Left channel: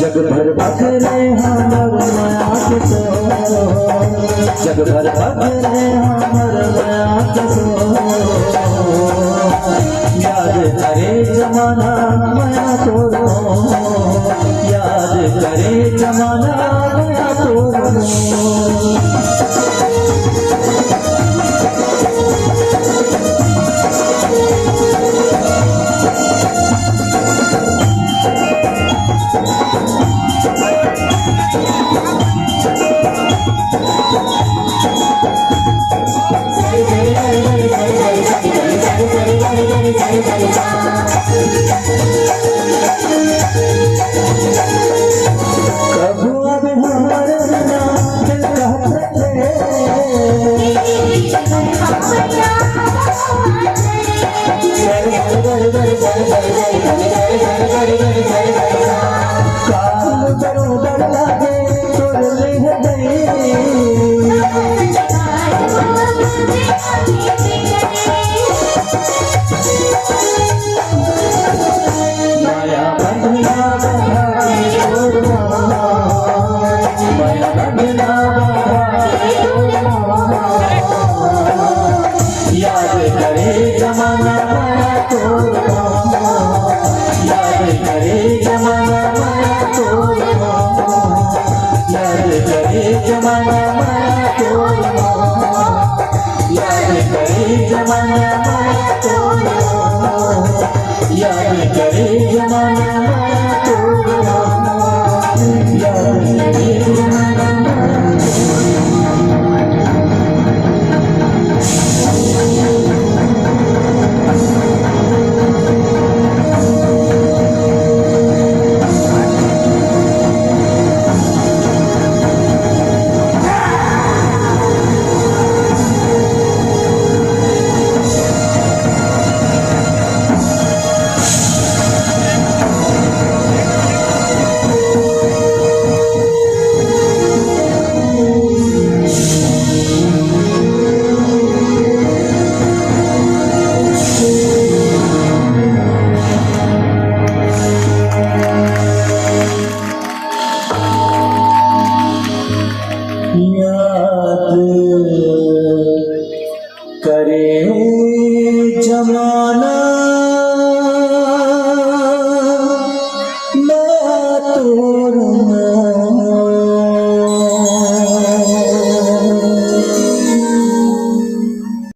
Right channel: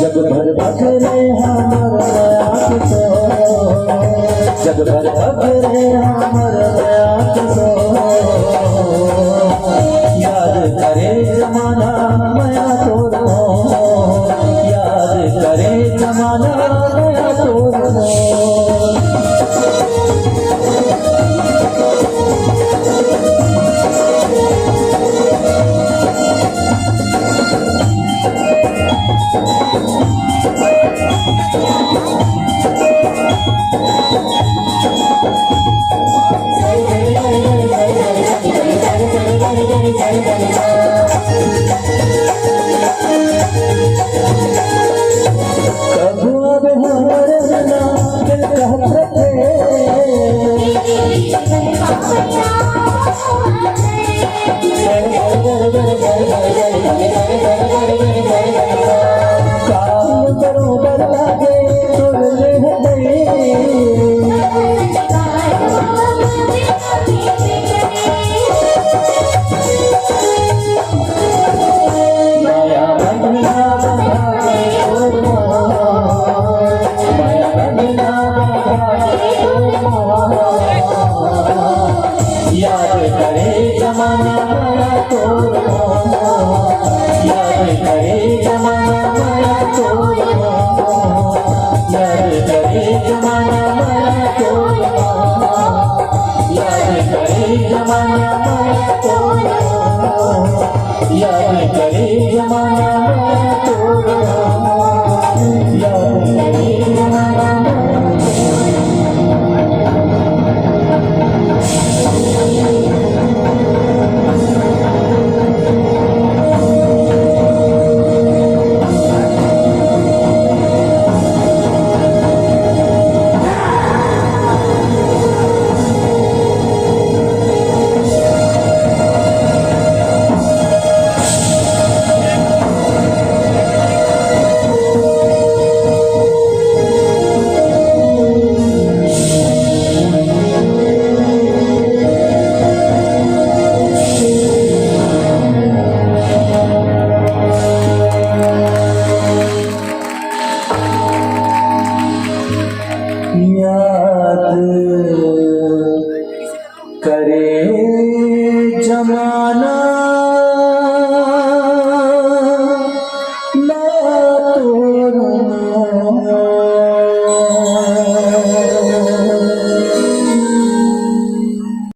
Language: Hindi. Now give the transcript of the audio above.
जग भर भगरे हमर माया के सो, जग भर भगरे हमर माया के सो, याद करे जमाना माया तोरो, याद करे जमाना माया तोरो। प्रभु अब हमारे बिना दिल कहते काम करो डर लागे तोड़ ले गई याद करे जमाना माया तोरो, याद करे जमाना माया तोरो, याद करे जमाना माया तोरो, याद करे जमाना माया तोरो, याद करे जमाना माया तोरो, याद करे जमाना याद करे जमा